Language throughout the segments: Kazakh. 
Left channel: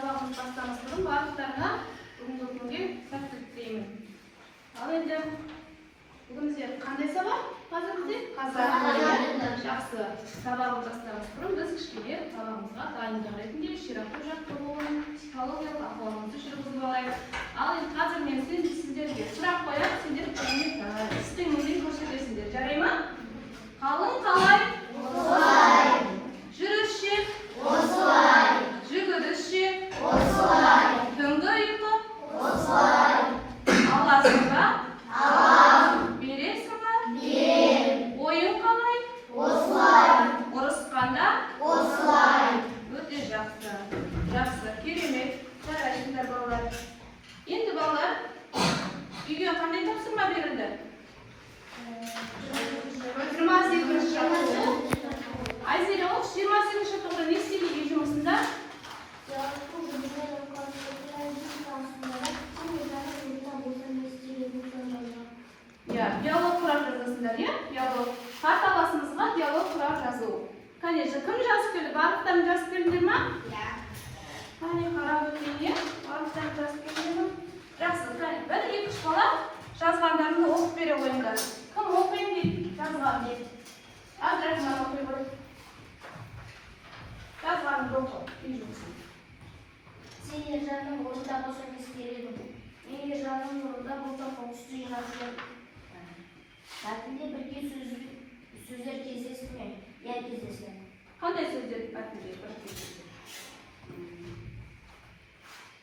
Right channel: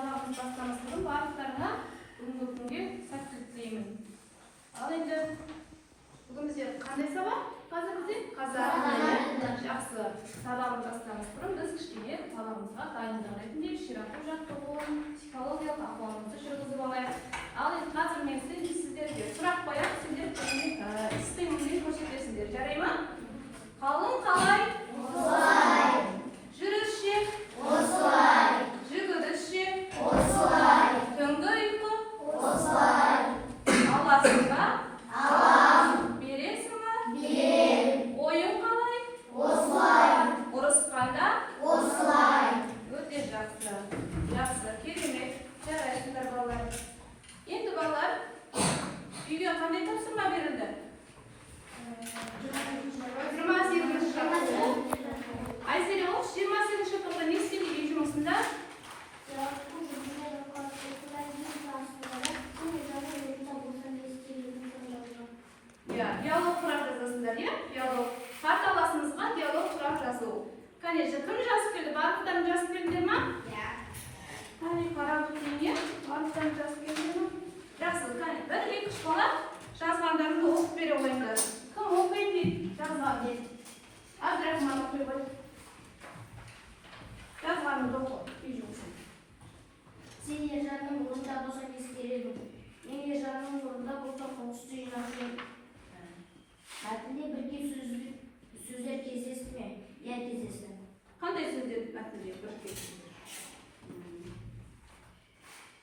сабағымыз бастамас бұрын барлықтарына бүгінгі күнге сәттілік тілеймін. Ал енді бүгін бізде қандай сабақ? Қазір бізде қазақ жақсы. Сабағымыз бастамас бұрын біз кішкене сабағымызға дайындық ретінде ширату жаттығуын, психологиялық ахуалымызды жүргізіп алайық. Ал енді қазір мен сіздерге сұрақ қоямын, сендер істеріңізден көрсетесіңдер. Жарай ма? Қалың қалай? Осылай. Жүрісше? Осылай. Жүгірісше? Осылай. Түнгі ұйқы? Осылай. Аласың ба? Алам. Бересің ба? Берем. Ойың қалай? Осылай. Ұрысқанда? Осылай. Өте жақсы. Жақсы, керемет. Жарайсыңдар балалар. Енді балалар, үйге қандай тапсырма берілді? 28-ші жаттығу. Айзере, ол 28-ші жаттығуда не істеді үй жұмысында? Диалог құрап жазасыңдар, диалог. Қарталасыңызға диалог құрап жазу. Конечно, кім жазып келді? Барлықтарын жазып келдіңдер ма? Қане қарап өтейін, барлықтарын жазып келдіңдер ма? Жақсы, қане, 1-2 бала жазғандарını оқып бере қойыңдар. Кім оқиын дейді? Жазған дейді. Абдрахман оқи қой. Жазғаныңды оқы, үй жұмысын. Сен ержанның орнында болсаң ескереді. Мен ержанның орнында болсам оңтүстік жинақшы. Мәтінде бірге сөздер кездесті ме? Я кездесті. Қандай сөздер мәтінде бірге?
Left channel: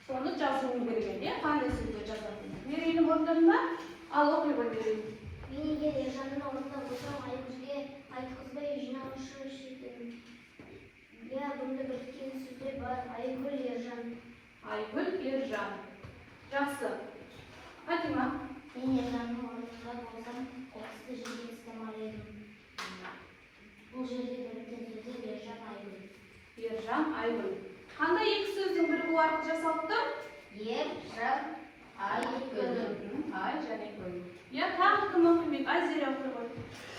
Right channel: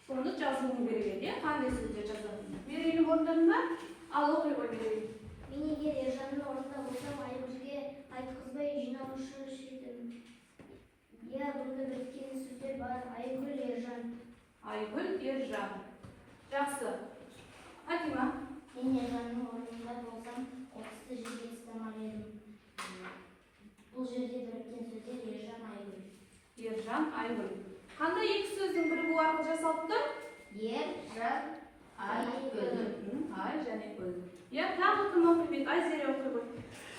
Соны жазуың керек, қандай сөздер жазатын? Берейін орындарында? Ал оқи қой берейін. Мен егер ержанның орнында болсам, айымызге айтқызбай жинаушы шетім. Я бұнда біріккен сөздер бар. Айгүл ержан. Айгүл ержан. Жақсы. Фатима. Мен ержанның орнында болсам, отызды жерге істемар едім. Бұл жерде біріккен сөздер ержан айгүл. Ержан айгүл. Қандай екі сөздің бірігуі арқылы жасалыпты? Ержан айгүл. Ай және гүл. Тағы кім оқимайды? Айзере оқи қой.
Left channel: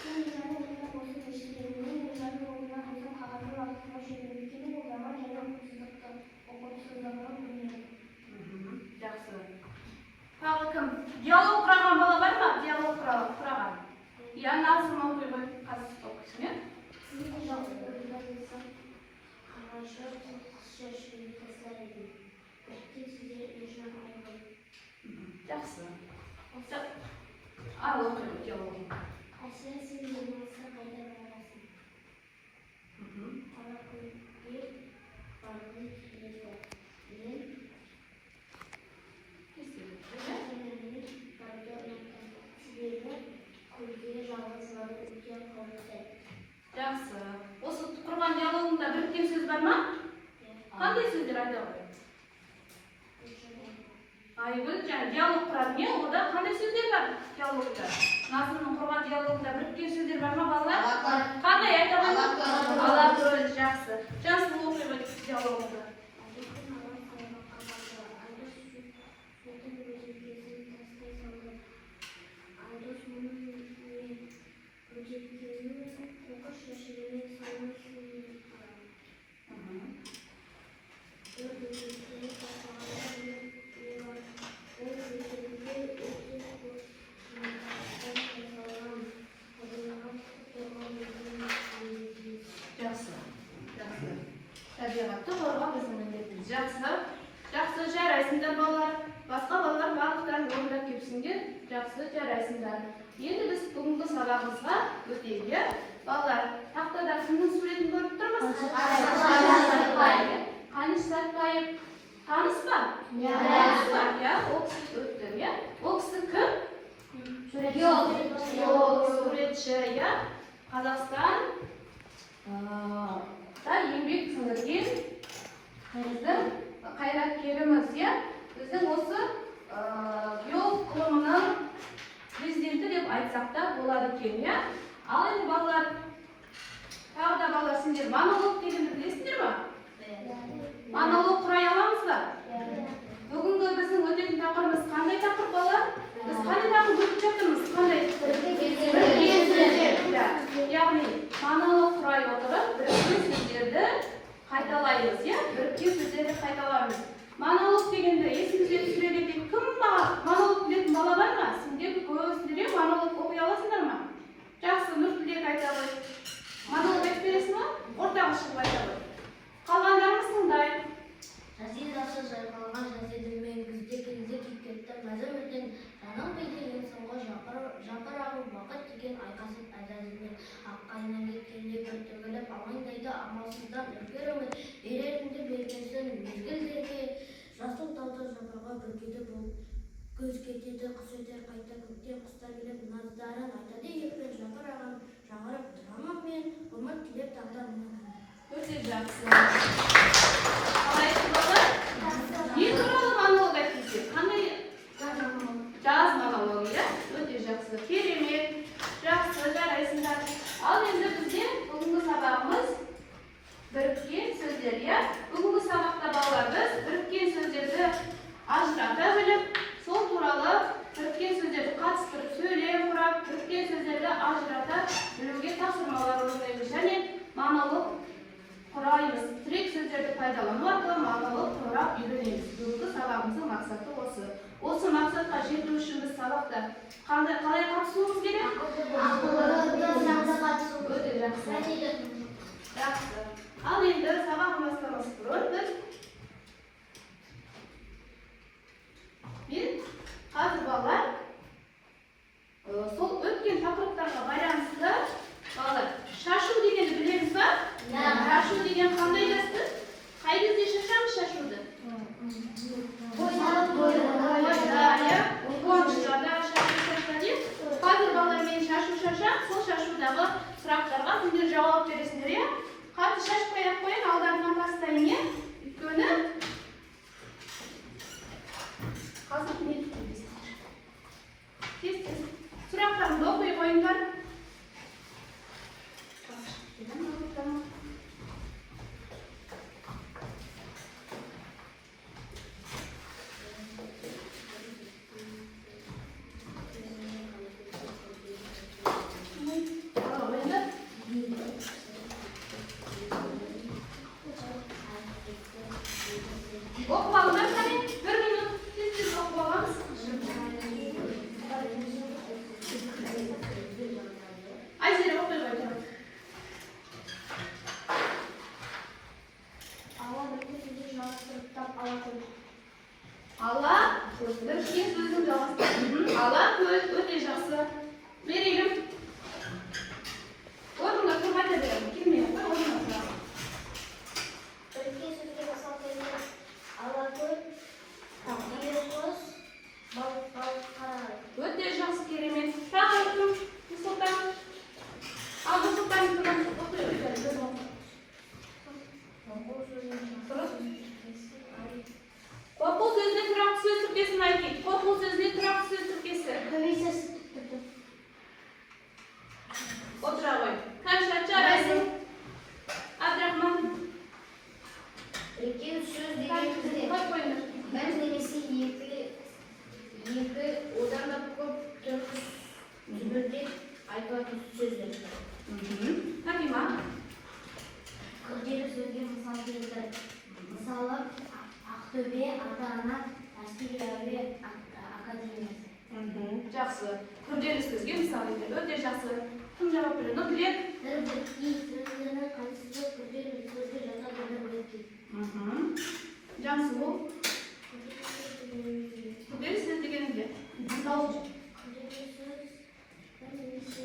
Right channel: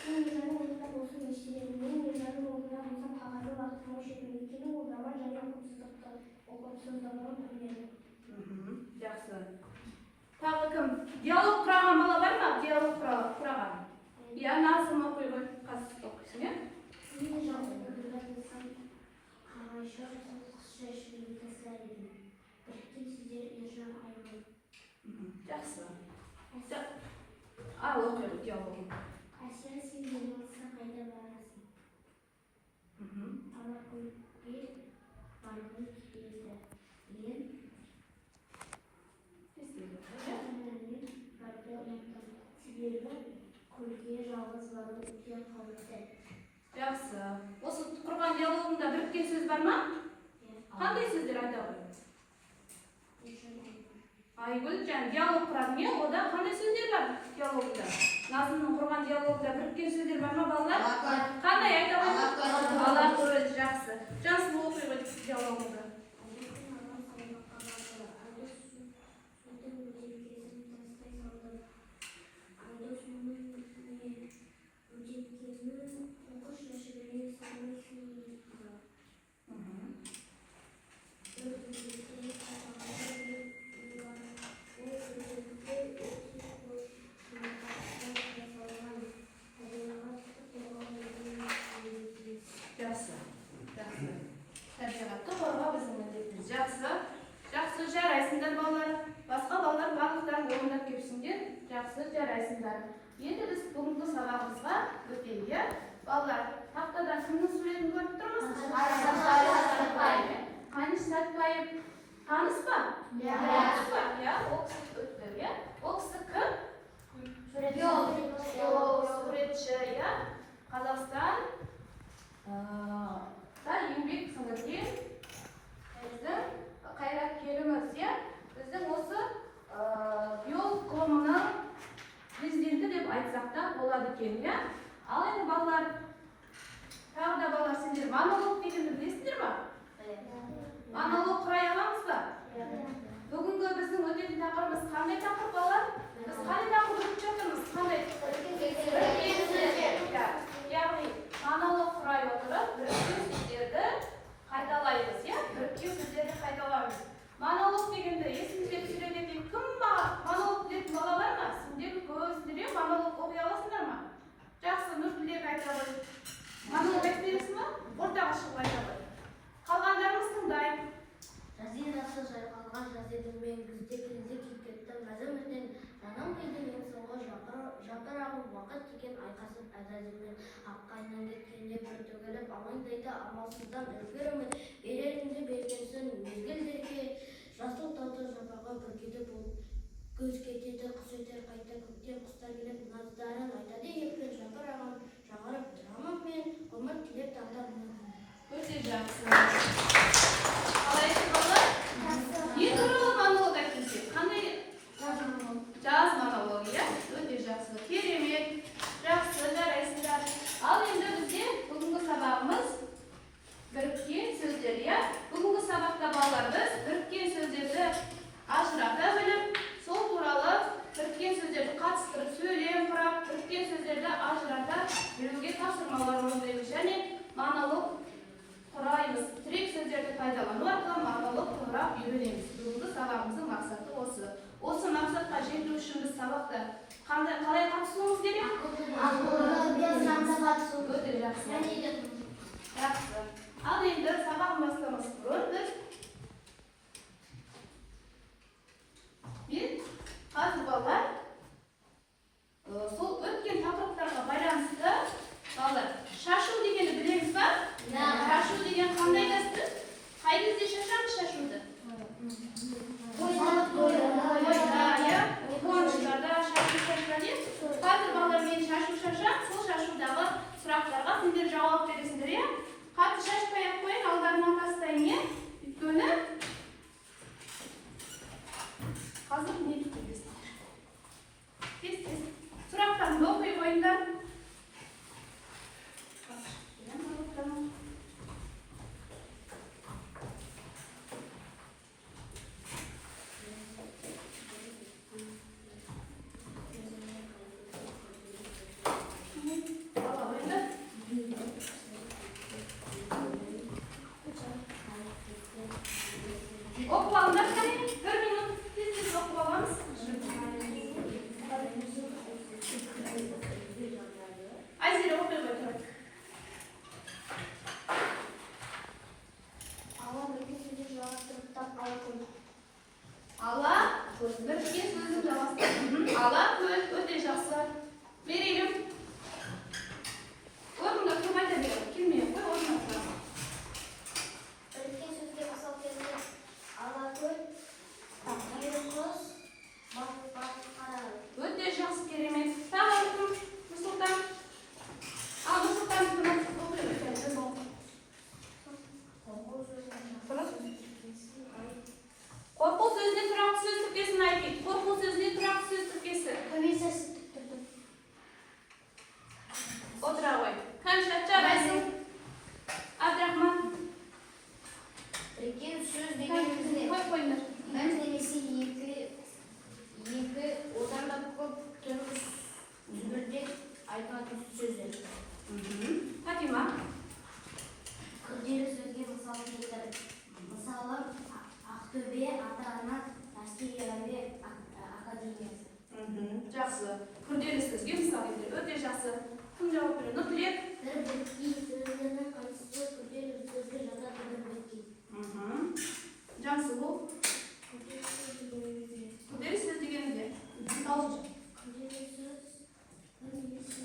Мен ержанның орнында болсам ешілерім. Мен ержанның орнында болсам қағазды уақытыма жіберіп өйткені қолдама және ұқыпсыздығын білмедім. Жақсы. Тағы кім? Диалог құраған бала бар ма? Диалог құраған. Назым оқи қой. Қазір оқисың, Мен ержанның орнында болсам қағазшы шешуді тастар едім. Біріккен сөздер ержан айгүл. жақсы. Ал оқи қой диалогын. Әсия сен болмаса қайда болмасын. Алакөлге барғым келеді. Мен кемермен барды ұнаттым. Себебі көлге жалғыз бару үлкен қауіпті. Жақсы. Осы құрған диалогында біріккен сөз бар ма? Қандай сөздер айта қой? Айгүл, және диалог құрады не? Ода қандай сөздер бар диалогында? Назымның құрған диалогында біріккен сөздер бар ма балалар? Қандай айта қой? Алакөл, жақсы. Жасыл оқи қой диалогында. Табиғатты қорғау біздің міндетіміз. Жақсы жарайсыңдар балалар. Басқа балалар барлықтарын орындап келсіңдер. Жақсы жарайсыңдар. Енді біз бүгінгі сабағымызға өтейік. Балалар, тақтада кімнің суретін көріп тұрмыз? Қаныш Сәтбаев. Таныс па? Ол кісі өтті. Ол кісі кім? Суретші. Қазақстан еңбек сіңірген біздің қайраткеріміз. Біздің осы биолог қауымының президенті деп айтсақ та болады екен. Ал енді балалар, тағы да балалар, сендер монолог дегенді білесіңдер ма? Монолог құрай аламыз ба? Бүгінгі біздің өтетін тақырыбымыз қандай тақырып балалар? Біз қандай тақырып өтіп жатырмыз? Қандай? Біріккен сөздер. Яғни монолог құрай отырып біріккен сөздерді қайталаймыз. Біріккен сөздерді қайталаймыз. аласыңдар ма? Жақсы, Нұртілек айтады. Монолог айтып бересің ба? Ортаға шығып айтады. Қалғандарыңыз тыңдай. Жазидасы жайқалған жазидымен күзде келді кекетті мәзірмізден жаның білдеген соңғы жапырағы уақыт деген айқасып әзәзілмен аққайынан кеткенде бір төгіліп алаңдайды амалсыздан үркерімін берерінде бергенсің мезгілдерге жасыл тауда жапырға бүркеді болып көз кетеді құс өтер қайта көктен құстар келіп наздарын айтады екпін жапырағын жаңғырып тұрамын мен ғұмыр тілеп тағдырымнан. Өте жақсы. Қалайсыз балалар? Не туралы монолог айтыңыз? Қандай? Жаз монологы, өте жақсы. Керемет. Жақсы, жарайсыңдар. Ал енді бізде бүгінгі сабағымыз біріккен сөздер, иә? Бүгінгі сабақта балалар біз біріккен сөздерді ажырата біліп, сол туралы біріккен сөздерді қатыстырып, сөйлем құрап, біріккен сөздерді ажырата білуге тапсырмалар орындаймыз және монолог құраймыз. Тірек сөздерді пайдалану арқылы монолог құрап үйренеміз. Бүгінгі сабағымыздың мақсаты осы. Осы мақсатқа жету үшін біз сабақта қалай қатысуымыз керек? Өте жақсы. Жақсы. Ал енді сабақ бастамас бұрын біз қазір балалар сол өткен тақырыптарға байланысты балалар шашу дегенді білеміз ба? Шашу деген қандай дәстүр? Қай кезде шашамыз шашуды? Қуанышlarda шашу шашады. Қазір балалар мен шашу шашам, сол шашудағы сұрақтарға сіздер жауап бересіңдер, иә? Қатты шашпай ақ қойын, алдарына тастайын, иә? Өйткені қазір не түкіресіңдер? Тез-тез сұрақтарымды оқи қойыңдар. Оқып алыңдар, қане? Бір минут тез-тез оқып аламыз. Айзере оқи қой тұрып. Ала біріккен сөздің жалғастырып. Ала көз өте жақсы. Берейлім. Орнында тұрып айта беремін. Келмей қой, орнында тұрам. Біріккен сөзге мысал келгенде алакөл, ерқұс, балық қарағай. Өте жақсы, керемет. Тағы тұрым, Нұрсұлтан. Ал Нұрсұлтан тұрым, отырып өтеді. Қорқу сөзіне тұрақты сөз тіркесін айтайық. Қорқу сөзіне тұрақты сөз тіркесі. Отыра қой. Кәмшат жарайсың. Абдрахман. Біріккен сөз дегенде Қой қойыңдар. бір немесе екі одан да көп түрі зүбірде айтылатын сөздер. Фатима. Күрделі сөзге мысал келтіріп, мысалы Ақтөбе ата-ана әскери әуе академиясы. Жақсы. Күрделі сөзге мысал келтір. Өте жақсы. Кім жауап береді? Нұртілек. Бір біріккен сөздерінің қайсысы күрделі сөзге жатады деп ойлайды. Жақсы бұл. Күрделі сөз деген не? Күрделі сөз бір немесе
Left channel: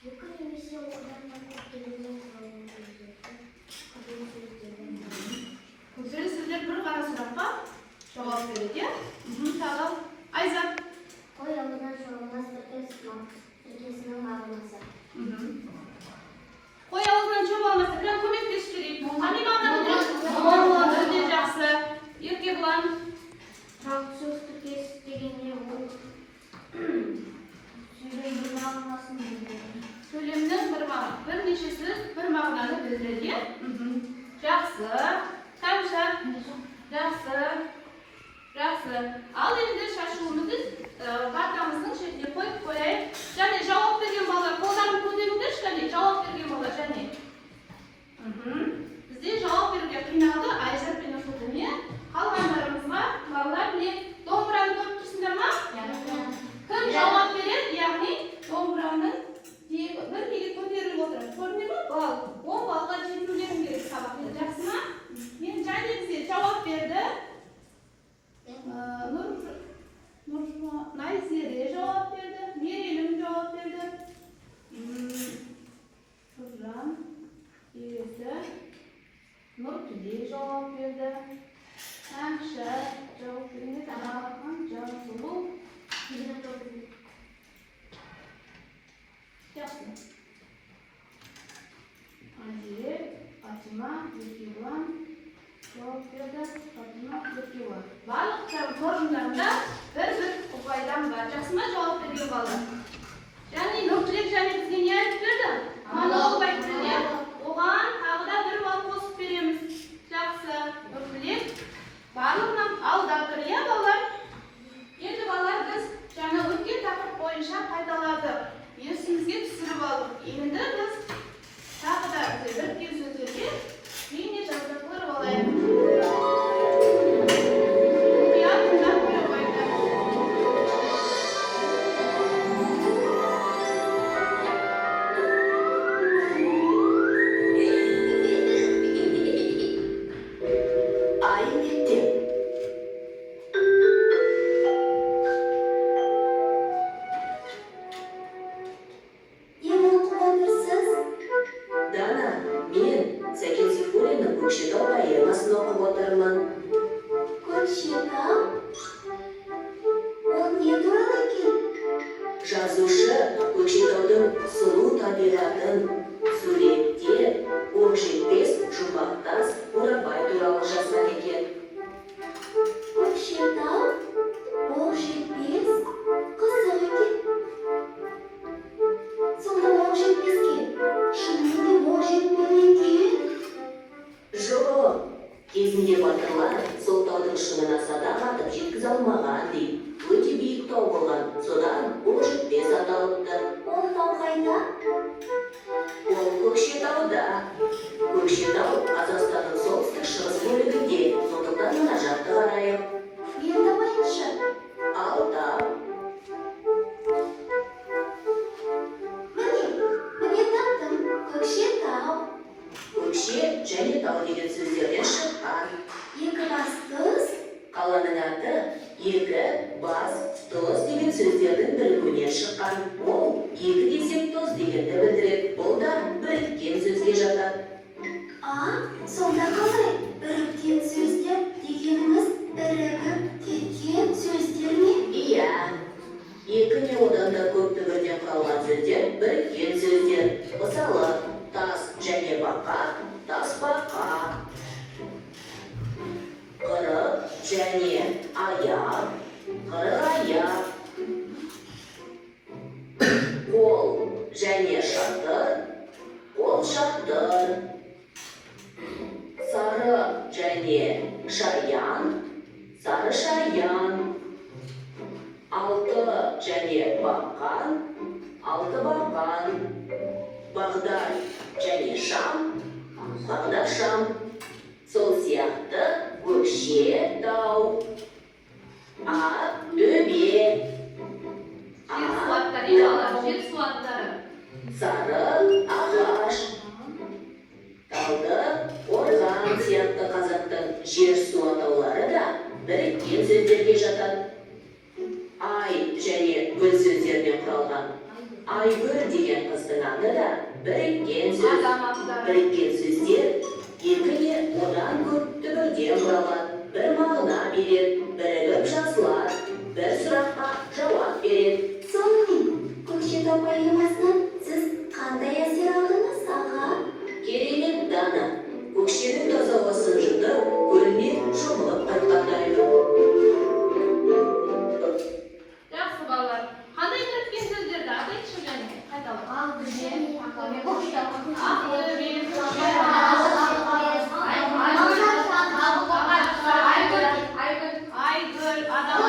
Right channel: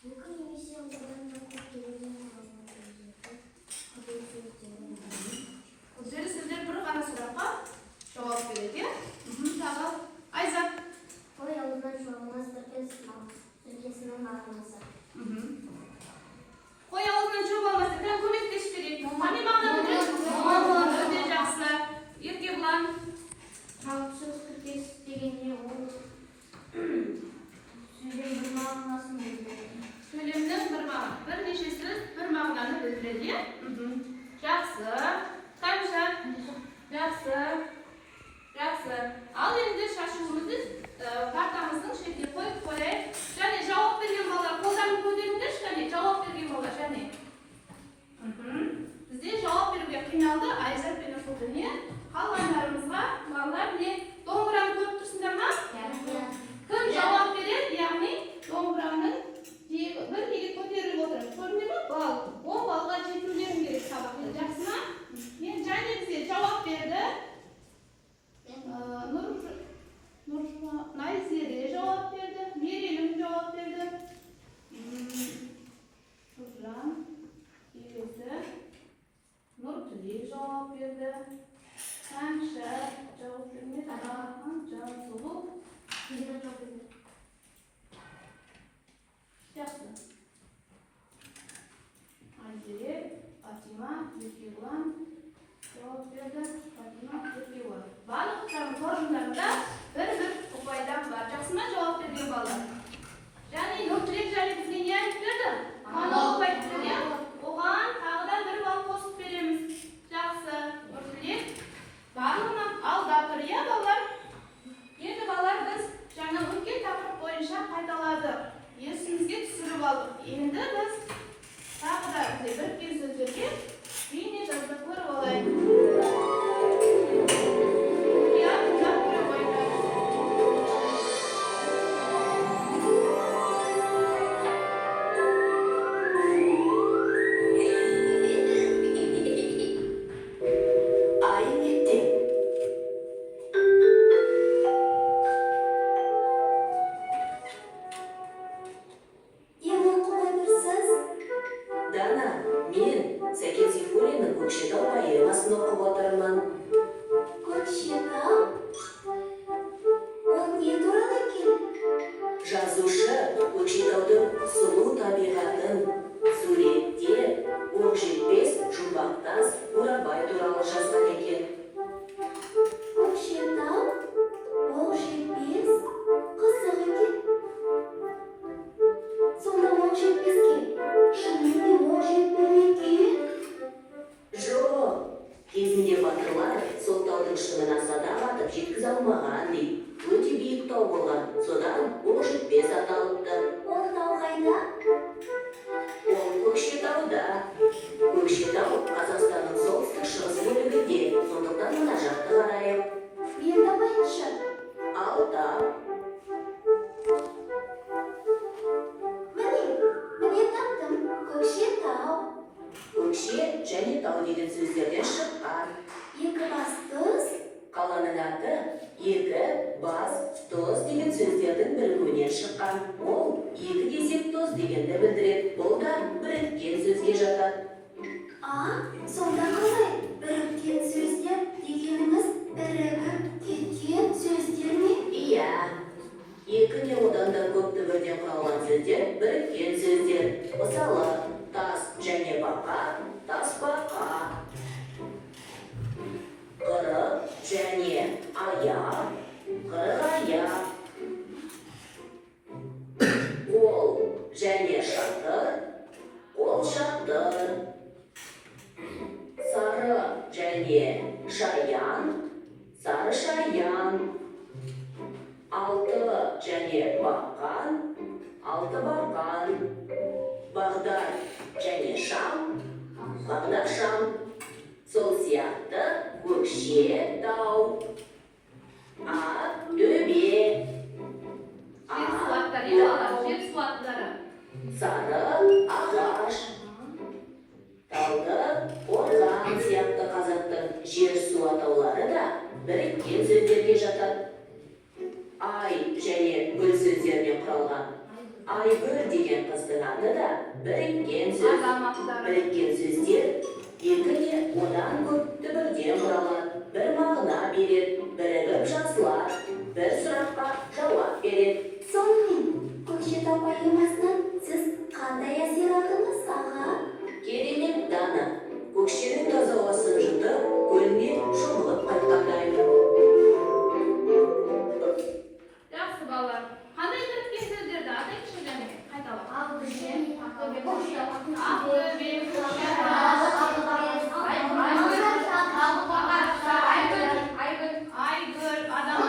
екі немесе одан да көп келген құралын сөздерді күрделі сөз деген. Күрделі сөздер бір ғана сұраққа жауап береді, иә? Тағы Айзат. Қой алдынан шоғылмас тіркесінің мағынасы. Қой аузынан шөп алмаса, кім көмектесіп керек? Қандай мағына білдіреді? Өте жақсы. Еркебұлан. Сөз тіркесі дегенде ол сөйлем бір мағынасын білдіреді. Сөйлемнің бірнеше сөз бір мағынаны білдіреді, иә? Жақсы. Кәмшат. Жақсы. Жақсы. Ал енді шашуымызды картамыздың шетіне қойып қояйық. Және жауап берген балалар, қолдарын көтеріңдерші, және жауап берген балалар, және. Бізде жауап беруге қиналды Айжар пен Нұрсұлтан, иә? Қалғандарымызға балалар не? Домбыраны көріп тұрсыңдар ма? Кім жауап береді, яғни javob berdi. Yaxshi, javob berdi. Jamsulu. Yaxshi. Hadi, Fatima, Erkivan javob berdi. Fatima, Erkivan. Baliqlar forumlarida bir qo'paydan barchasini javob bergan bolalar. Ya'ni nurchilik bizga ne aytib berdi? Monolog aytib berdi. O'g'an tag'ida bir mol qo'shib beramiz. Yaxshi, nurchilik baliqni aldab turya bolalar. Endi bolalar biz yana o'tgan taqrir bo'yicha qaytaladik. Esimizga tushirib oldik. Endi biz taqida bir so'zlarga mini yozib ko'rib olaylik. Жазушы көкшетаудың сұлу табиғатын суретте оқжетпес жұмбақтас Бурабай туралы жазған екен. Көкшетау оқжетпес қызық екен. Сонда оқжетпеске шынымен оқжетпеді екен? Жоқ, кезінде батырлар сол таудың шыңына садақ атып жеткізе алмаған дейді. Өте биік тау болған, содан оқжетпес аталыпты. Ол тау қайда? Ол Көкшетауда. Көкшетау Қазақстанның солтүстік шығыс бөлігінде, сондықтан мына жақты қарайық. Енді байыншы. Алтау. Міне таптым. Көкшетау. Көкше және тау деген сөздерден шыққан. Екі бастыз. Қаланың аты екі, бас, тоз деген сөздердің бірігуінен шыққан. Ол екі десек тоз дегенді білдіреді. Бұл да біріккен сөзге жатады. Сонда қалай? Біріккен сөздер дегеніміз бірігіп кеткен сөздер ме? Иә, екі не одан да көп түбірден құралған сөздер біріккен сөздер. Мысалы, тас және бақа, тасбақа. Қырық және аяқ, қырық аяқ. Қол және шатыр, қол шатыр. Сары және шаян, сары шаян. Алты және бақан, алты бақан. Бағдар және шам, бағдар шам. Сол сияқты Көкшетау, төбе, Жер суаттары. сары ағаш, талды қорған сияқты қазақтың жер су атаулары да біріккен сөздерге жатады. Ай және гүл сөздерінен құралған айгүл деген қыздың аты да біріккен сөз. Біріккен сөздер екі не одан көп түбірден құралады. Бір мағына береді, бірігіп жазылады, бір сұраққа жауап береді. Сонымен, Көкшетау поэмасынан сіз қандай әсер алдыңыз, аға? Керемет Дана, көкшенің таза ауасын жұтып, көлмен шомылып қайтқандаймын. Жақсы балалар. Қандай біріккен сөздерді атайықшы және қайталап? Ақбөбек, айгүл, адам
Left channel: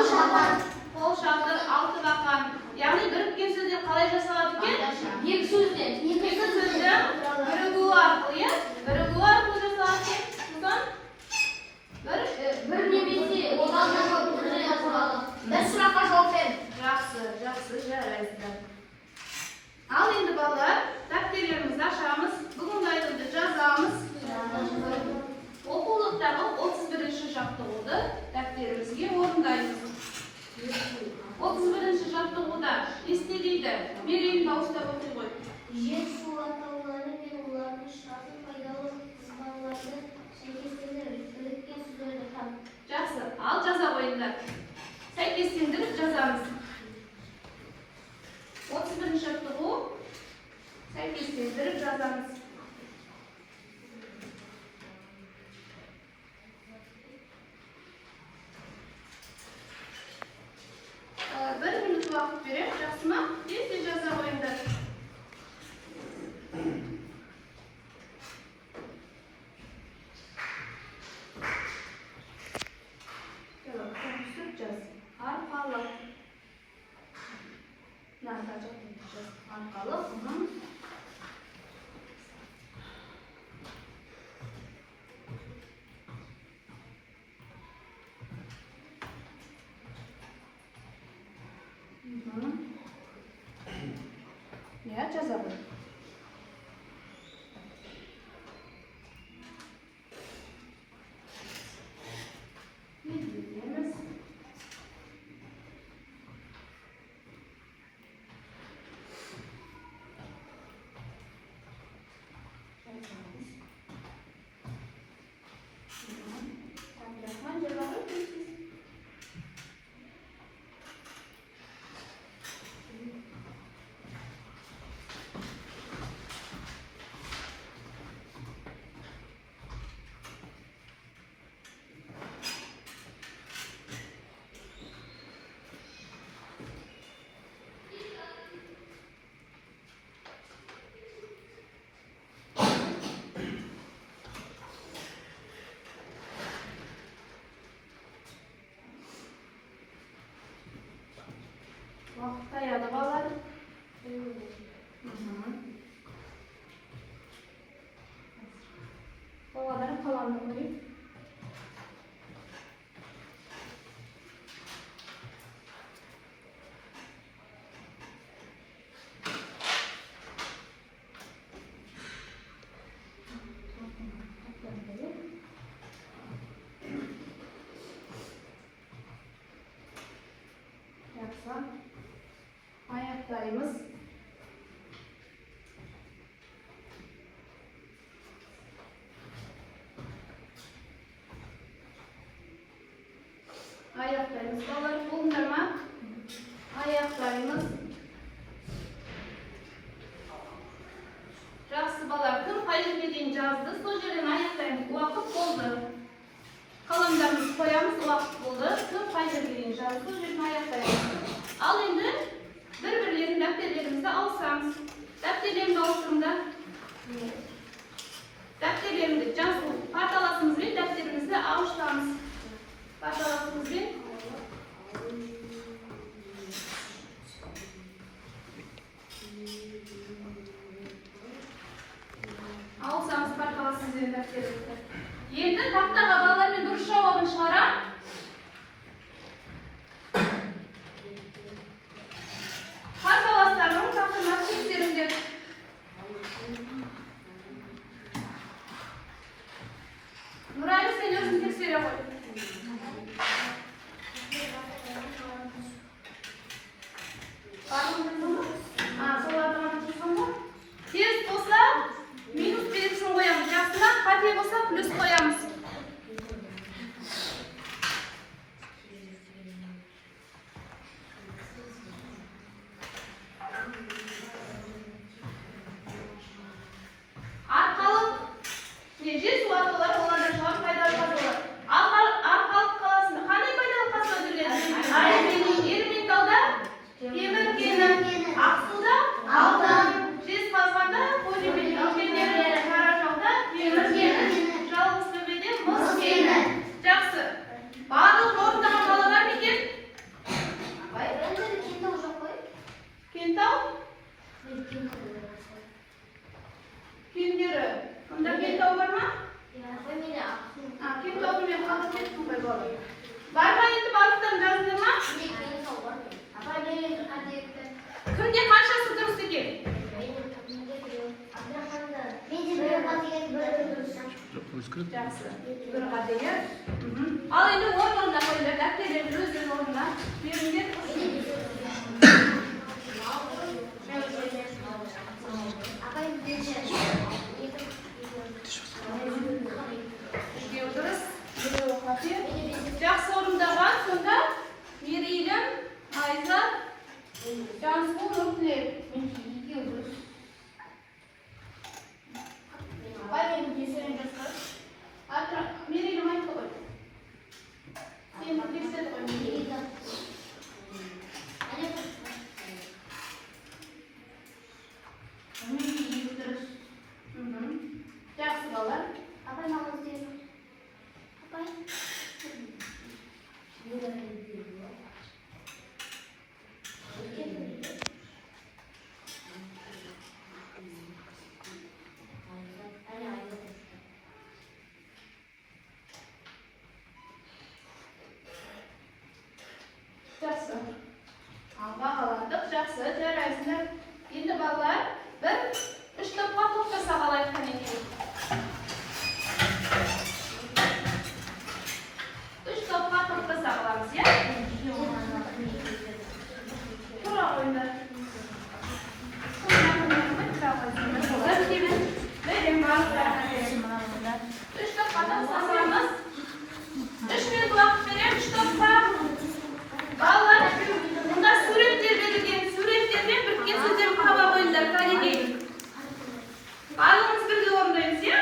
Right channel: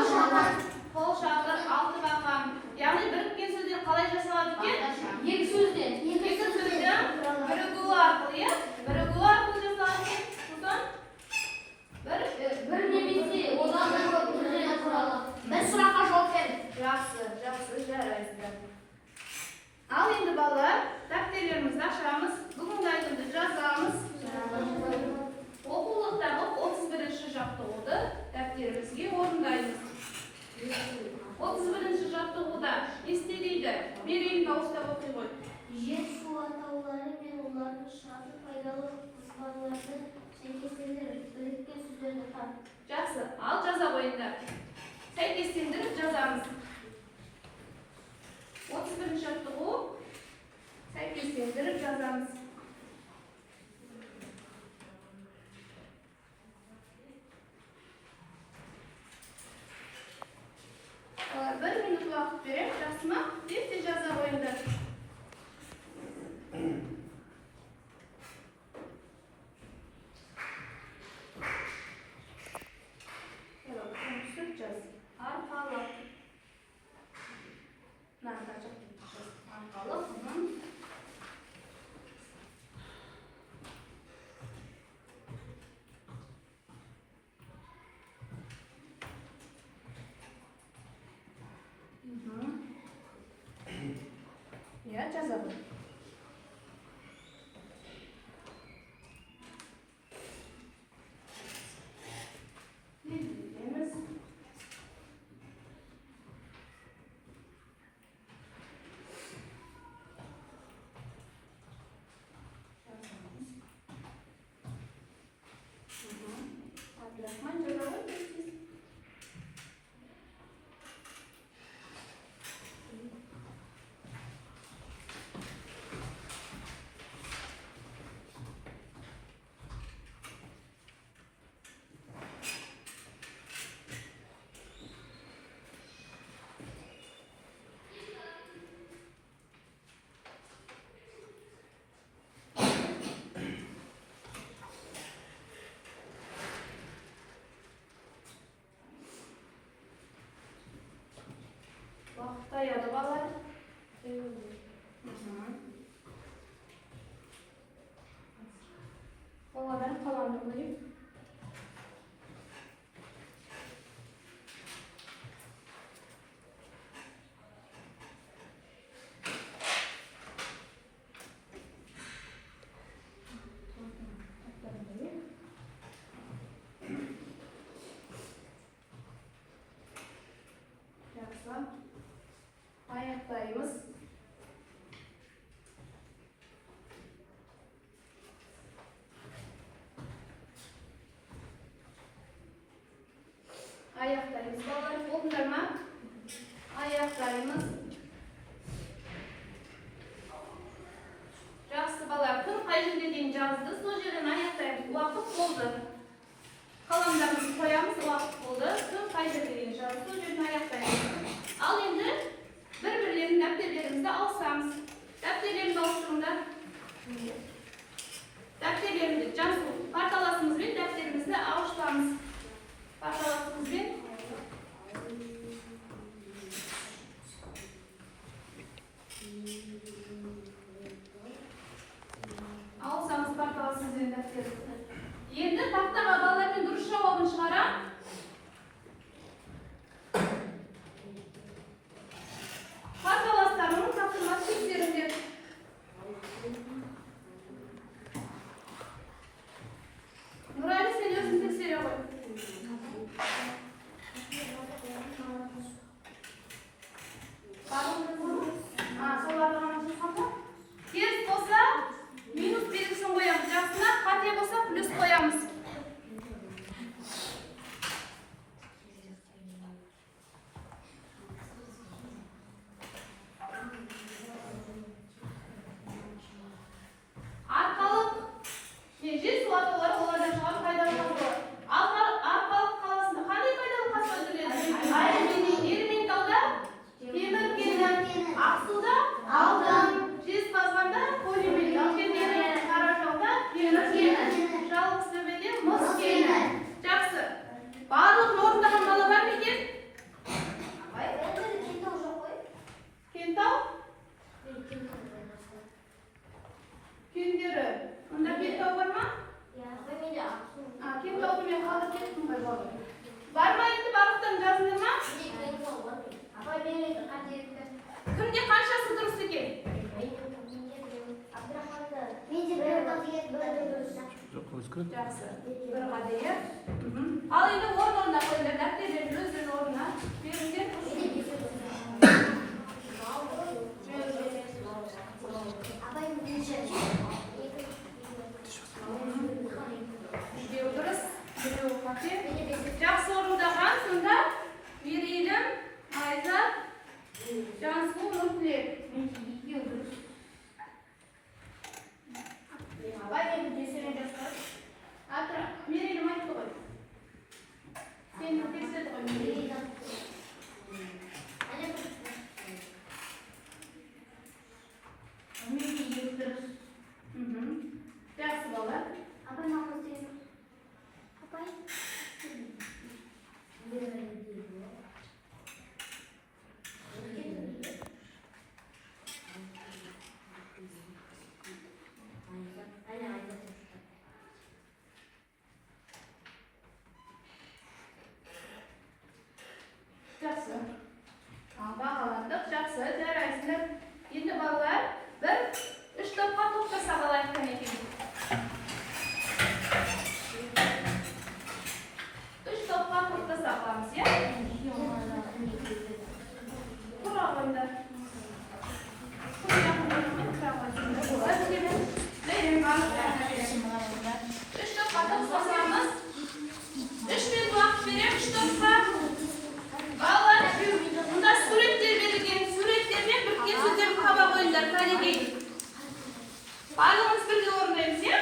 қол шатыр, алты бақан. Яғни біріккен сөздер қалай жасалады екен? Екі сөзден. Екі сөзден бірігу арқылы жасалады екен. бір немесе одан да көп түрде жасалады. Бір сұраққа жауап беріңіз. Жақсы, жарайсыздар. Ал енді балалар, дәптерлерімізді ашамыз, бүгінгі айтымды жазамыз. Оқулықтағы 31-ші жаттығуды дәптерімізге орындаймыз. 31-ші жаттығуда есте дейді, берейін дауыстап оқи ғой. Жер су атаулары мен олардың шығатын пайдалы қызбаларды сәйкестендіріңіз. сәйкестендіріп жазамыз. 31-ші жаттығу сәйкестендіріп жазамыз. Bir minut uақыт берем, жақсы ма? Тез жаза қойыңдар. Арқалық. Ya, жазамын. Уақытта ядып алады. Оладар қаламды көрейін. Ayaklarımız balar bulundurma. Ayaklarımız жақсы балар, күн қай жерге дейін жазды. Сол жерден аяқтаймыз. Уақыт болды. Қаламдарымызды қоямыз, уақыт болды. Күн қай жерге дейін жазды. Сол жерден аяқтаймыз. Ал енді бір-бірлерін дәптерлерімізді алсаңыз. Дәптерлерімді ауыстырыңдар. Дәптерлерімді жазу парталасымызбен дәптерімізді ауыстырамыз. Парталасымызбен алсаңыз парталасымызбен дәптерімізді. Енді тақтаға балалармен дұрыс жауабын шығарам. Парталастарының тақтына тексеріңдер. Нұрайлы, сен өзің тексере ғой. Тез болса, минус белгісін қоямыз. Жақсына, қате болса, плюс қоямыз. Арқалық меже суатылар олардан шығар пайдалы қазылар. Арқалық қаласында қандай пайдалы қазылар жүрген? Ерментауда темір кені, Ақсуда алтын, Жезқазғанда полимер кендері, Қаражалда темір кені, Жалғызтөбеде мыс кені. Жақсы. Барлығын орындаған бала бар ма екен? Кентау? Кендері. Онда Кентау бар ма? Кентауды мен қалып кеттім ғой бала. Бар ма енді барлықтан жазыңдар ма? Кімде қаншасы дұрыс екен? Жақсы. Бір қадейі. Ал енді орнына қойыңдар. Дәптерлерді өздерінің орнына беріңдер. Біреу дұрыс, біреу қате. Жақсы орындаған, сонда Мерейлі Cansu Nurli. Abay men videosini göster. Atra, Meri'yle mayıp koy. Seni kimse koy. Meri'yi yürütürüz. Yaxşı bala. Abay mama diyorum. Abay. Жақсы. Бағаландық, жақсы. Жарайсыздар. Енді балалар, бір үш топқа топтаса қалайық қанекей. Үш топқа топтаса қаламыз, иә? Тұра ойындар. Үш топқа топтасамыз. 3 минут уақыт берем, 3 топқа. Балалар, мында суреттер берілген, суреттермен біріккен сөздерін қамап ойындар, кәдеге. Барлығымыз бірге орындаймыз, иә?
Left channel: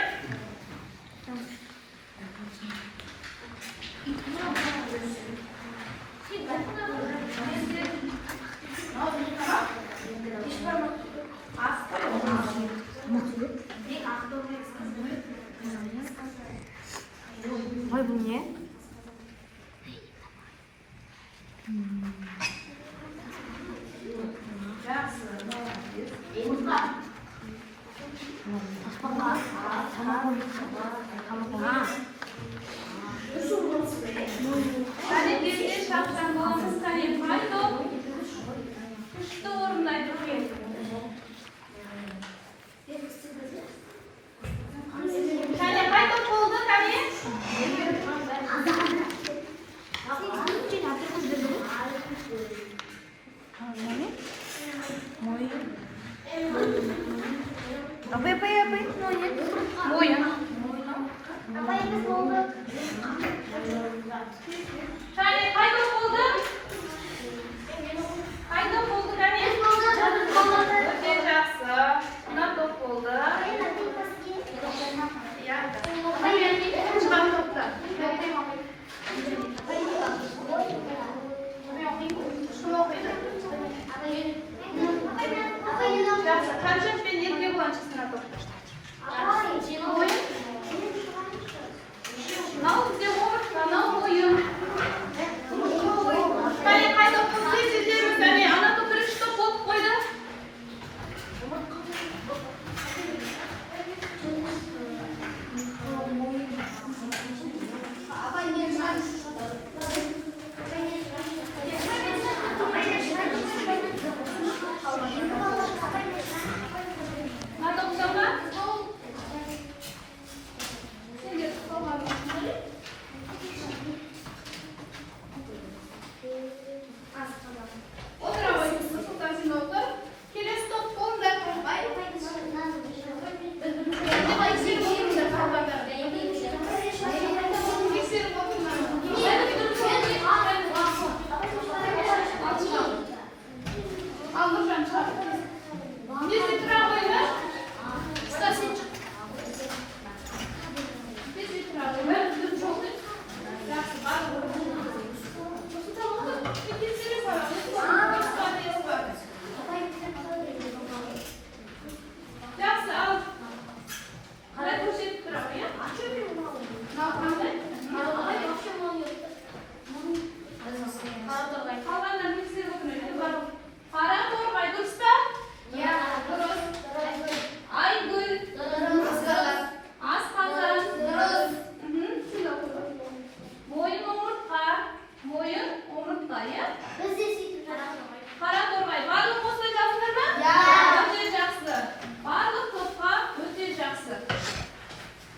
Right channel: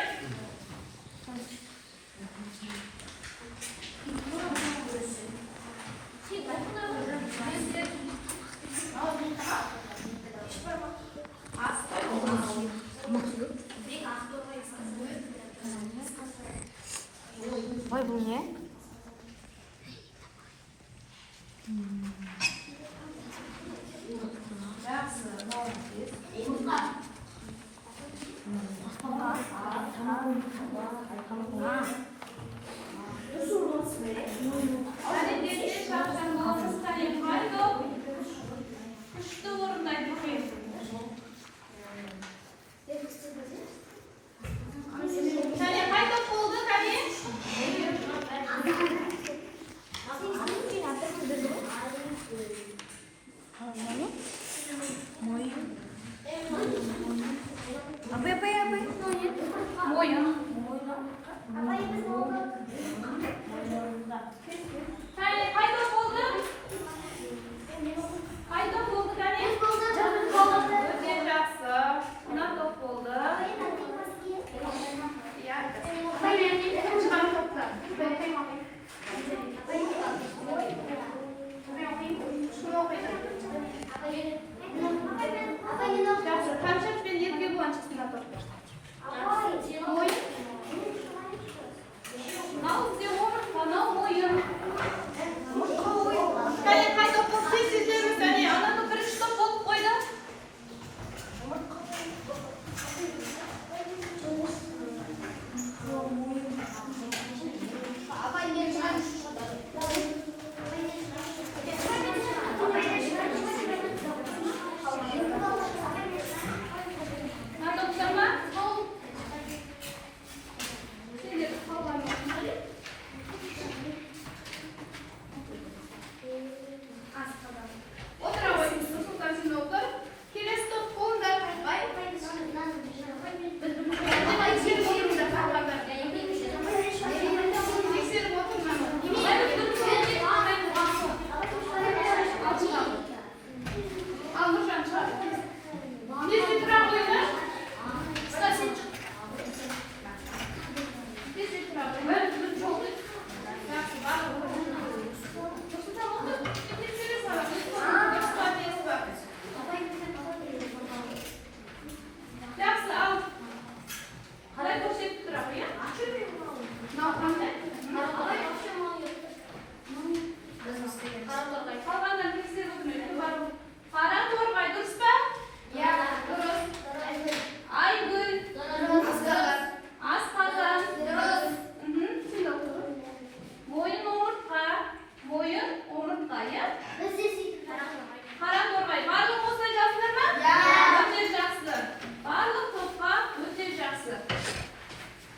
Ой, бұл не? Жақсы, молодец. аспанға тамаққа Кәдеге шапшаң боламыз, кәдеге қайды. Күшті орындайды екен. Кәне қайды болды, кәне? Apa? Мойын. Кәне қайды болды? Қайды болды, кәне? Өте жақсы. Мына топ болды. Шығар топта. Жақсы, қаншық пен ерге боланшысына топ. Мынау бізде омыртқа, мынау мойын. Кәне қайда қыз сөздеріміз, кәне ана топ бірінші топ болып қойды. Мына топ сама? Сендер құрбаныңыз. Отыра қойыңыз, Сұлтан сен отыр. Келесі топ қолында қойбай. Тексеріп отырыңыздар, қалғандар. Тексеріп отырыңдар. Ал Нұржан шығар. Тезде тұра қойыңдар. Тезде тұра қойыңдар. Жақсы, барлығы орындайды. Сұлтан отыр. Тексере саламыз. Жақсы, ал. Қалай көрсетіп тұра қой, иә? Мынау қандай? Қалғандар тексеріп отырыңдар. Қара торғай дұрыс па? Иә, дұрыс. Айгүл. Асқазан. Дұрыс. Сен де оқы. Мойын омыртқа. Мойын омыртқа, иә? Қара торғай. Барлық осылай жазыңдар ма? Иә. Өте жақсы. Барлық топқа өте жақсы.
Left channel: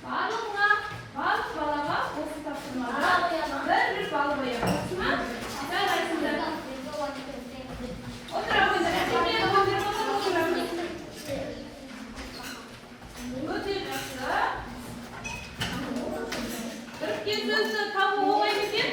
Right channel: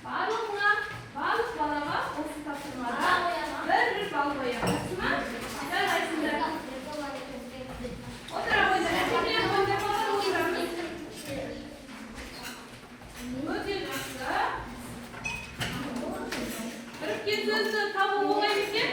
Барлығыңа, барлық балаға осы тапсырмада бір балл қоямын. Дұрыс ма? Жарайсыңдар. Отыра қойыңдар. Өте жақсы. Біріккен сөзді табу оңай ма екен?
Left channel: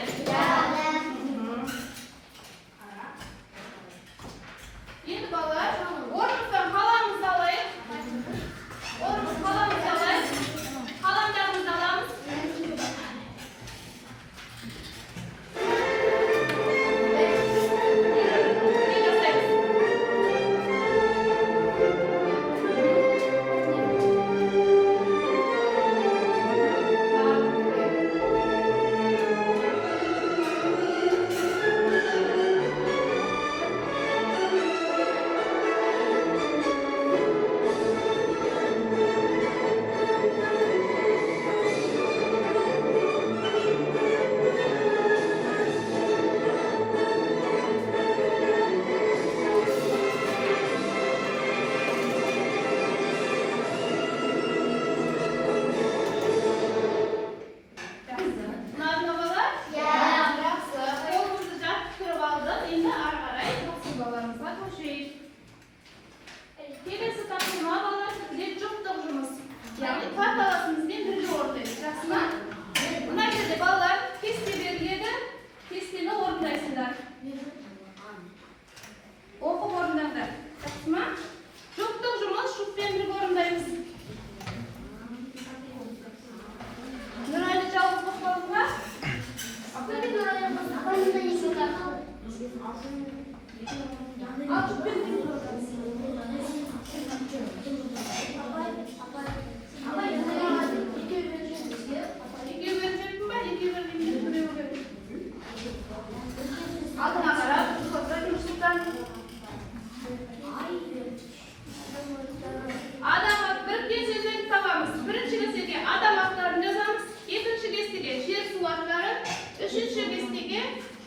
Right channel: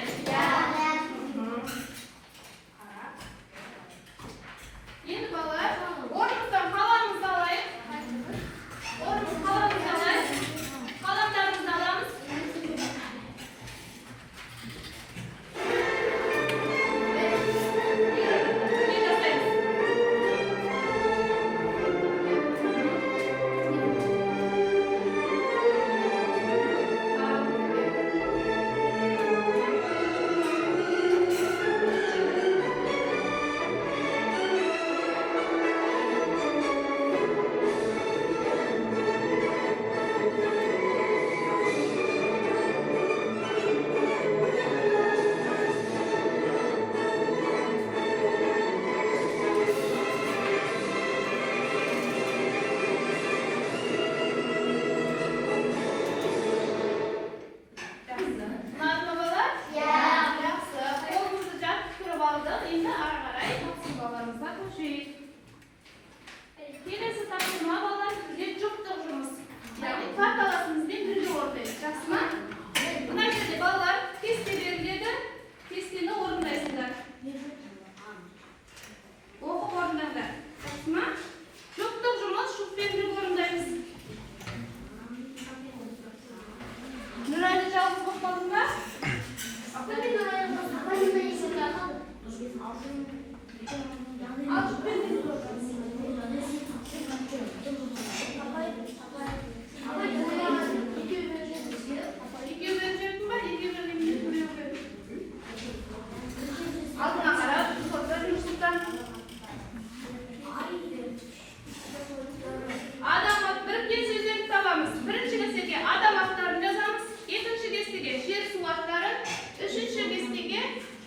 Üçüncü keskege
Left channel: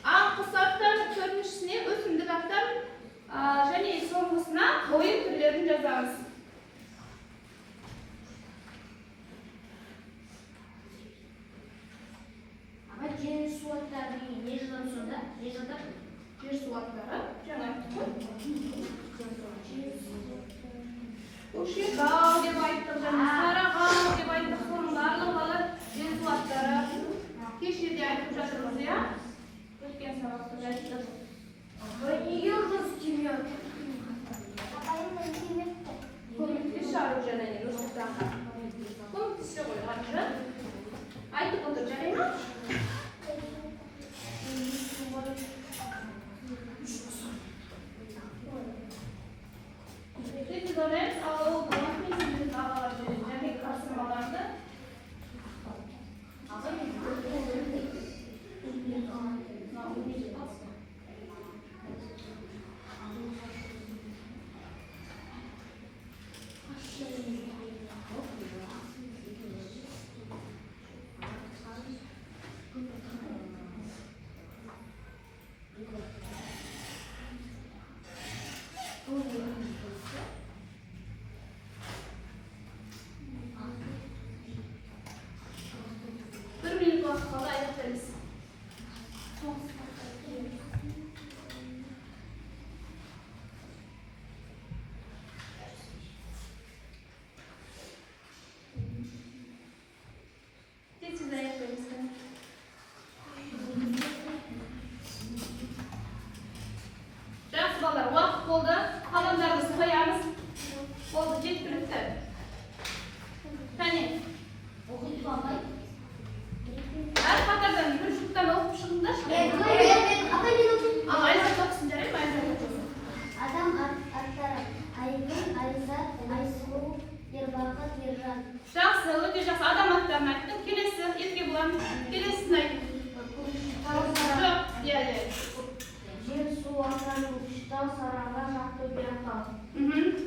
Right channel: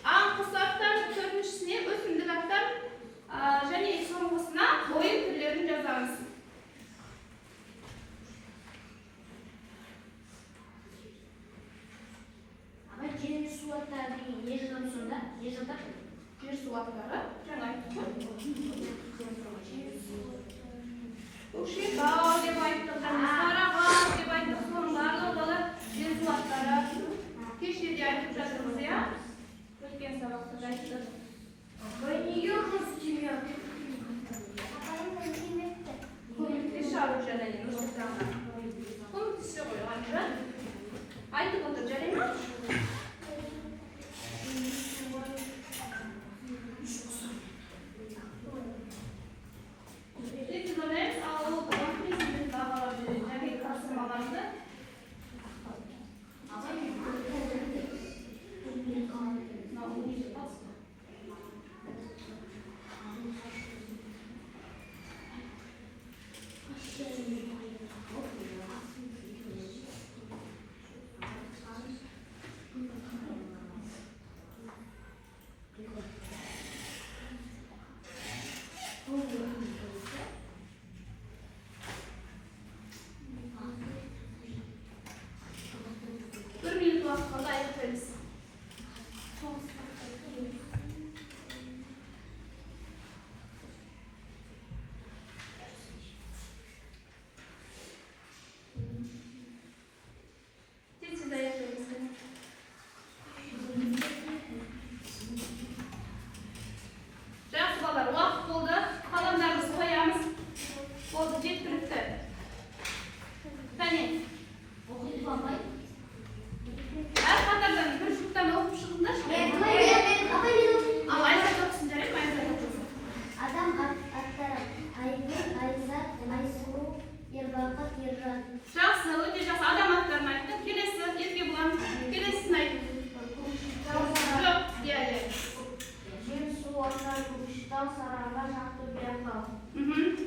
anqus аттар, төртіншісіне өсімдік аттар және соңғысына ойын түрлерін жазамыз. Ama jер су аттары деген не жазамыз сонда? Не жатыр? Жер су аттары жаңа айттық қой. Көкшетау деп айттық, және Сарыағаш деп айттық. Соның барлығы жер су аттары. Кеше де айтып жатырмыз, иә? Өткен сабақта да айттық. Ой, неге ұрыс тимейді? Көмектесші ару және Нұрсұлтанға. Көмектесші ғой, Аружан. Айтып отыр, жарай ма? Сөйтіп ойлаймыз, ал ол балаң президент ағаларды және тапсырмаларды бір минут уақыт қалды, аяқтаймыз. Тез аяқтаймыз. Жақсы балалар, уақыт болды. Қаламдарымызды қоямыз. Болды, жеткілікті. Кәне. Әр қатардан бір жұптан оқып шығыңдаршы. Ал Айзат оқысын, жарай ма? Айзат оқысын. Адам аттары Айгүл, Айзат, Айсұлу, Ербақыт, Ержан. Жақсы, өте жақсы. Адам аттарын айттың. Келесі, Еркебұлан. Келесін айт. Жоқ, иә. Жер су аттары Көкшетау, Сарыағаш, Ақтөбе, Атырау.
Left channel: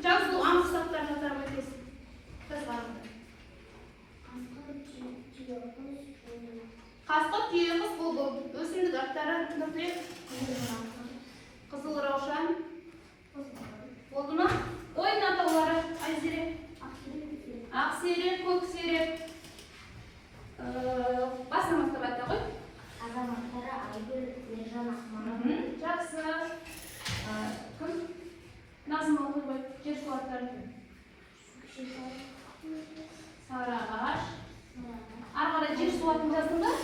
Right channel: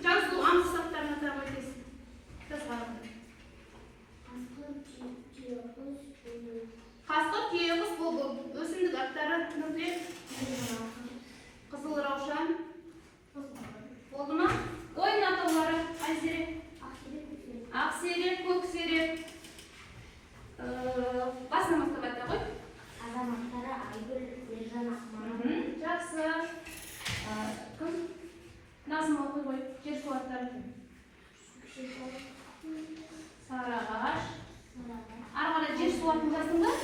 Жазу анғыс аттарын атап өтесің. Қасқыр, түйеқұс, бұлбұл. Өсімдік аттары Нұртілек, Қызыл Раушан. Болды ма? Ойын атаулары Айзере, Ақсерек, Көксерек. Басынан бастап айта ғой. Адам аттары Айгүл, Ержан, Ақмарал. Жақсы. Кім? Назым оқы ғой. Жер су аттары. Сарыағаш. Ары қарай жер су атын жаздыңдар.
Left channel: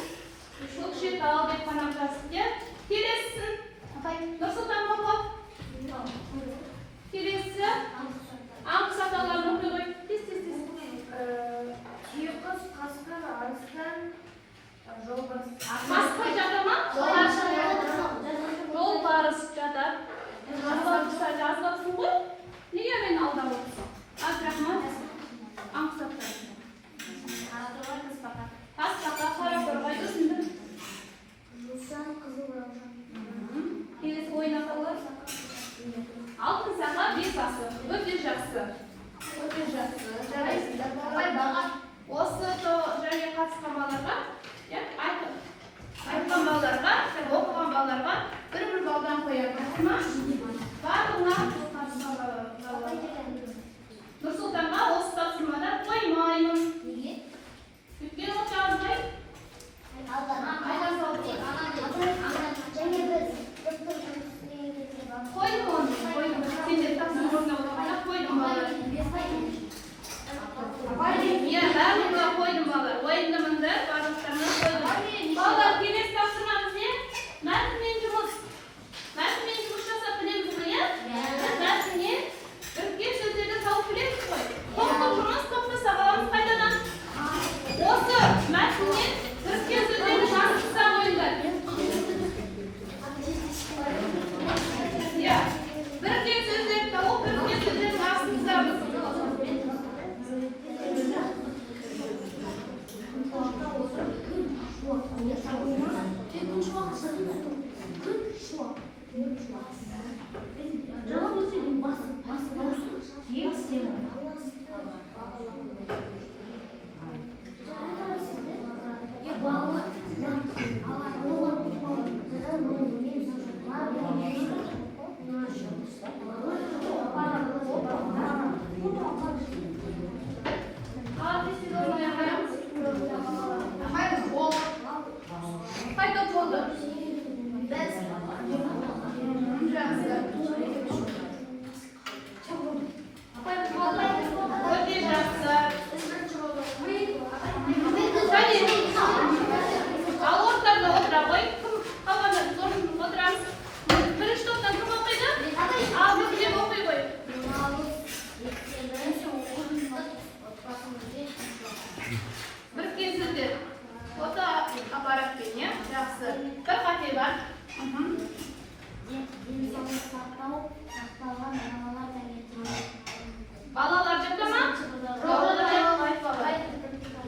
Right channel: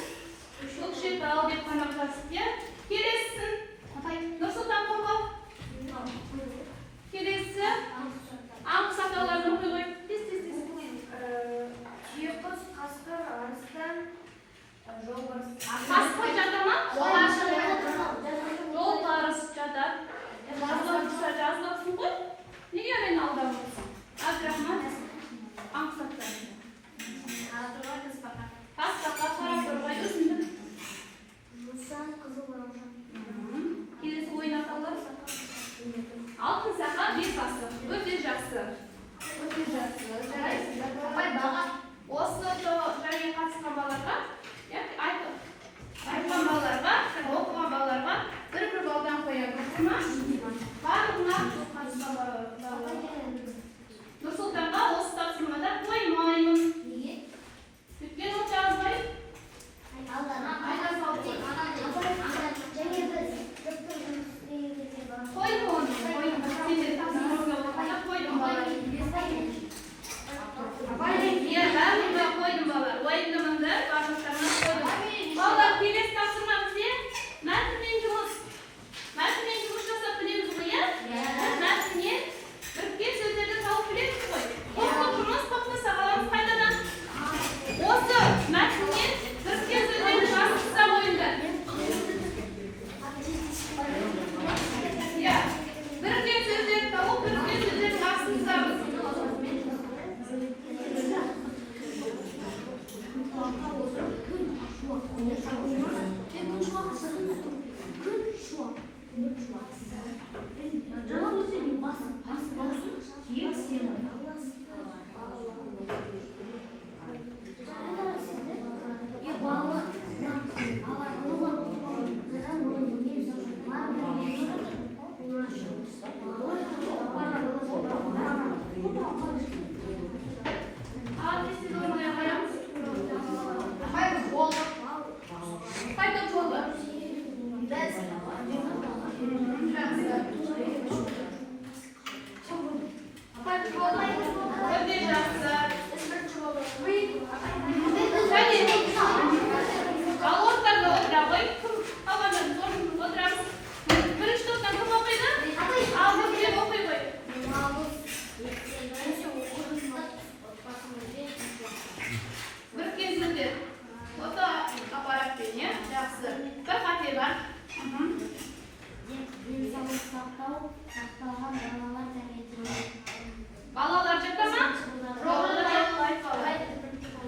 Көкшетау деп қана жазып, иә? Келесісін. Нұрсұлтан Қоқов. Келесі. Анқұс атауларын оқы ғой. Тез. Түйеқұс, қасқыр, арыстан, жолбарыс. Қасқыр жата ма? Жолбарыс жатады. Жазбақсың ғой. Неге мені алдап отырсың? Абдрахман. Анқұс аттары. Тасбақа, Қарақорғай, өсімдік. Жусан, Қызыл Раушан. Келесі ойын атаулар. Алтын сақа, бес асы. Өте жақсы. Осы және қатысқан балаларға, айтқан балаларға, оқыған балаларға бір балдан қоямыз. Барлығына қатысқан балаларға. Нұрсұлтанға осы тапсырмада қоймаймын. Өйткені ол жазбай. Қойдым оны, қойдым. Сендер тапсырма орындалғанда қойдым балалар. Иә, барлығына қойдым балалар. Уайымдамаңдар, барлықтарына қойдым. Балалар, келесі тапсырмамыз не? Мәтінмен жұмыс жасап білеміз ғой, иә? Мәтінмен біріккен сөздерді тауып білеміз ғой. Топтық жұмыс, топтаса қаламыз қайтадан. Осы мәтінмен біріккен сөздерді жазғызсақ ойындар. Иә, біріккен сөздерді тауып, біріккен сөздерді жазғызамыз. Qayta bo'ldi. Al o'rtada o'tira qo'y. Havodan o'tiramiz. Birinchi to'pdan kim o'qiydi? Al deb o'qiy qo'y. Birikkan so'zlar. Foto apparatdan, ya? Yaxshi. Bir xatli bor. Balalar jaqdami?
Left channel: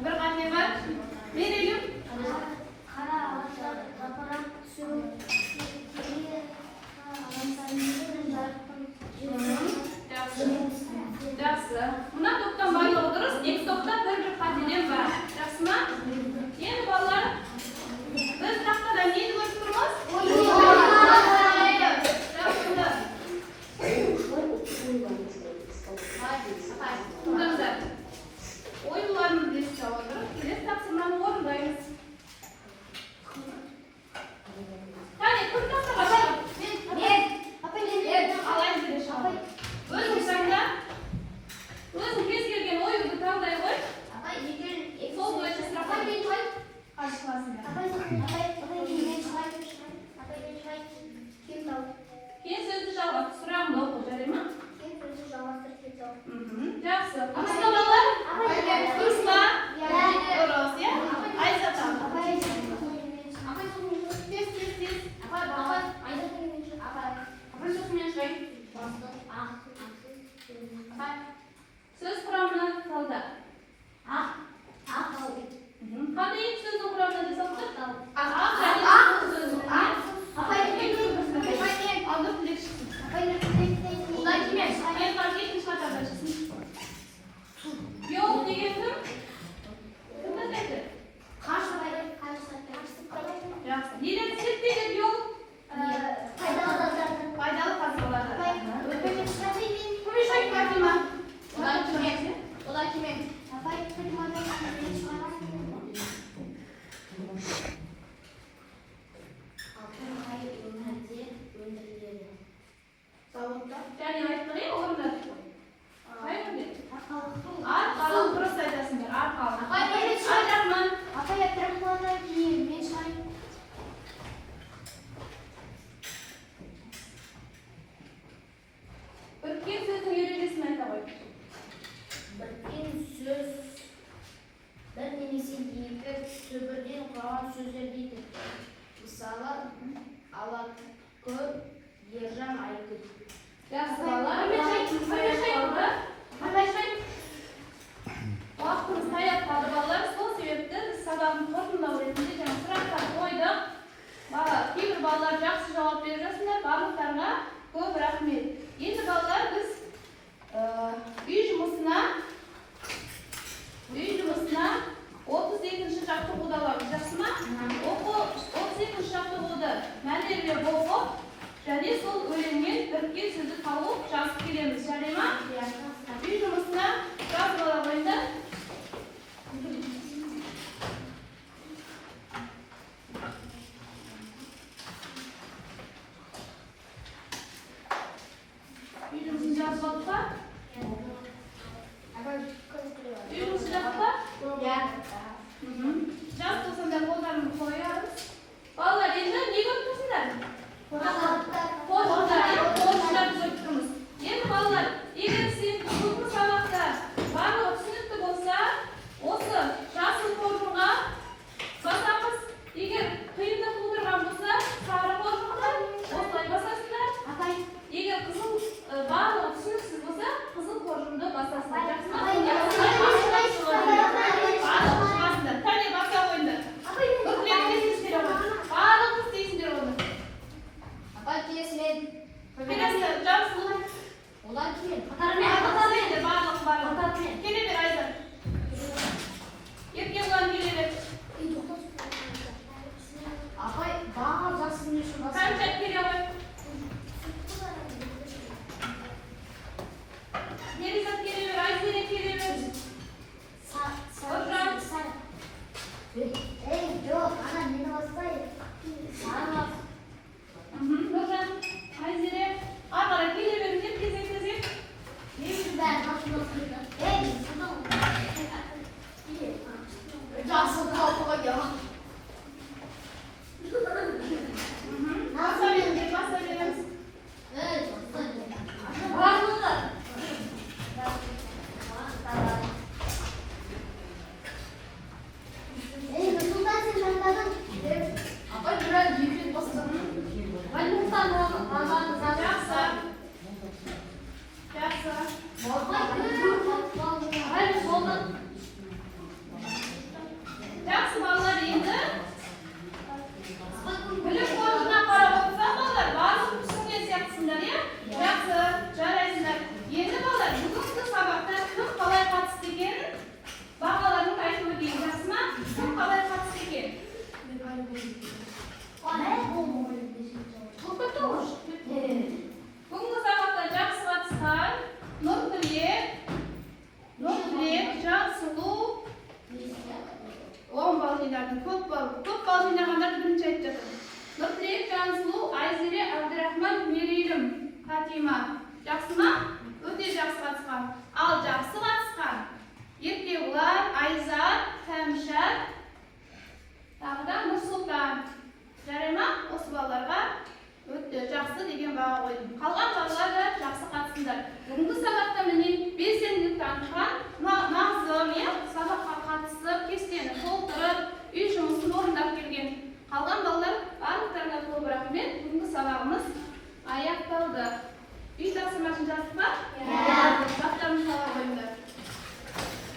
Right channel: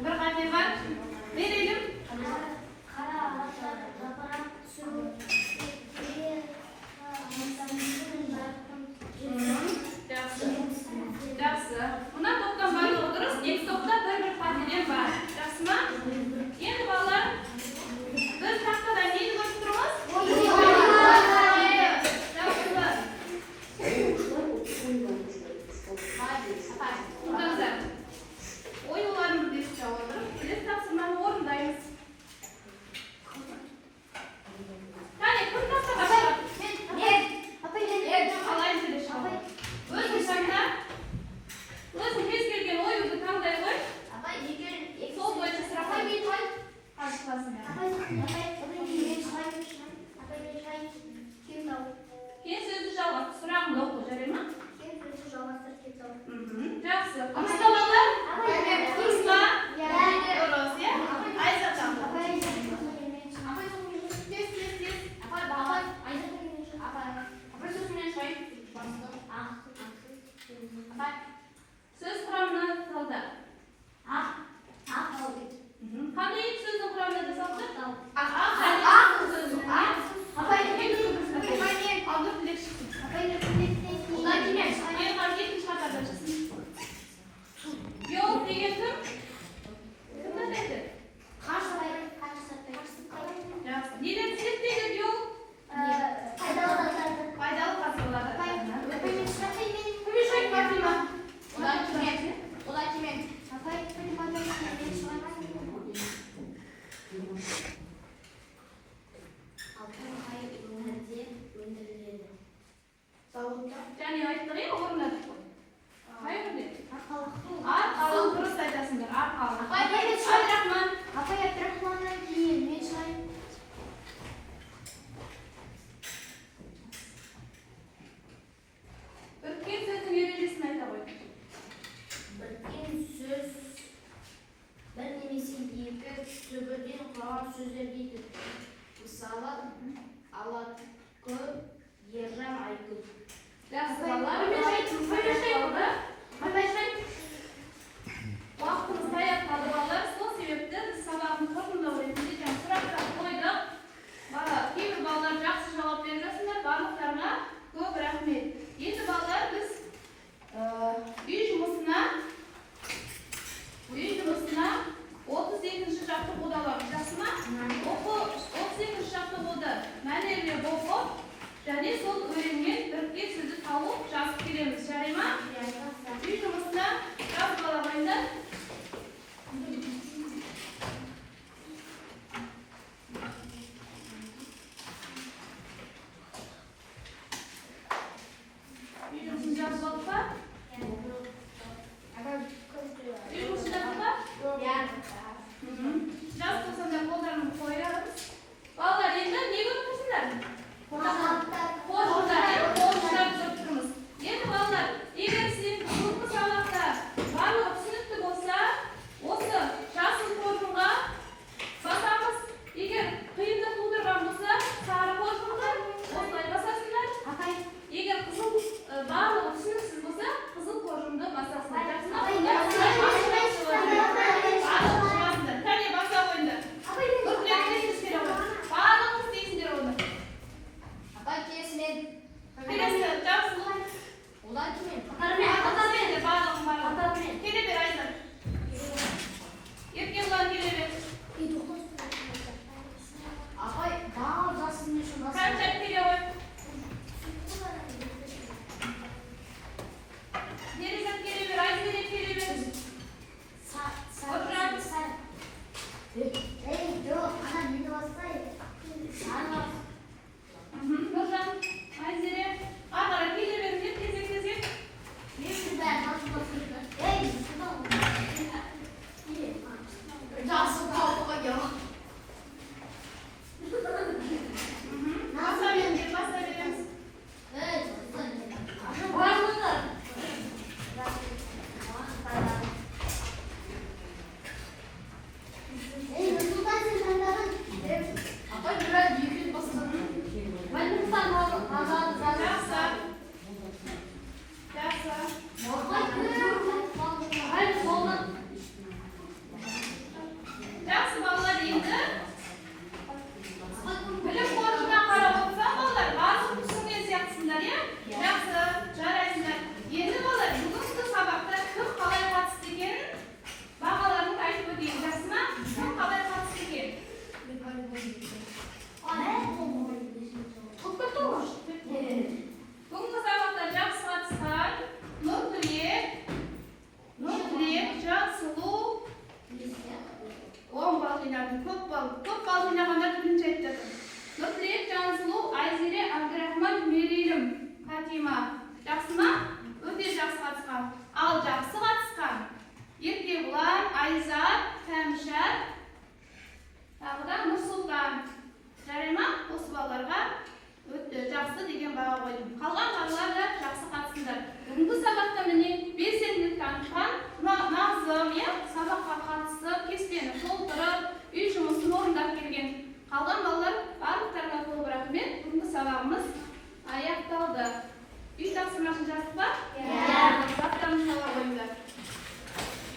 Bir xatli bor. Beraylik. Yaxshi. Bundan to'pdan baloq durust. Ikki to'pdan bir xatlidan bor. Yaxshimi? Endi bolalar biz taqtadan neni ko'rib turamiz? Oyunlarımızı esir alırız. Biz taqsimlarni o'rindaymiz. Qani, kim taqsa boshqa? Alayım dedi şahı. O'zing taqda. O'zing kez kelgan o'yinni tanlay qo'y. Sol bo'yicha sira qo'y. Qarshi qilasizlar. Keyin so'zni chalg'ab suramni o'qib jaraymi? Yaxshi. Qisqa bolalar? Qisqa. Xo'roz, ya? Ayzatam. So'z quramini solda. Qanday so'zni quramini jasoqchi? Yo'q degandim. Nima deydi? Yaxshi. Nega set degan yo'q? Foydali farzandlar. Hamisha aytmadim. Ular kim? Jani aytdiring, o'rnat. Qayerda? Arqalon prosta aytasizlar, arqalon. Rahmat. Bir kim so'zning erejasini ayta qo'y. Yaxshi bolalar, vaqtimiz tayyor qoldi bolalar. Shu sababli sababni to'g'rilab o'rgandik ekan. Siraqqa qo'ydik. Kimdir bolalar yaxshi javob berasizlar. Barliqlarga ko'p rahmat. Endi bolalar biz uy jumusini 32-chi hafta o'qiyapmiz, yaxshimi? O'qib 32-chi hafta o'qidi. Mana yerga o'qib, yana sol o'yinga birga so'zni tavib yozib kelamiz. Jarima? Uy jumusini yozib olamiz. Bolalar endi nega o'qisizlar? Qo'shnilar, endi bolalar, agar siz ko'pni saboq армысыздар. Бүгінгі сабақта міне белсенділік танытқан назым, сабаққа қатысып, кестені толтырып, үй жұмысы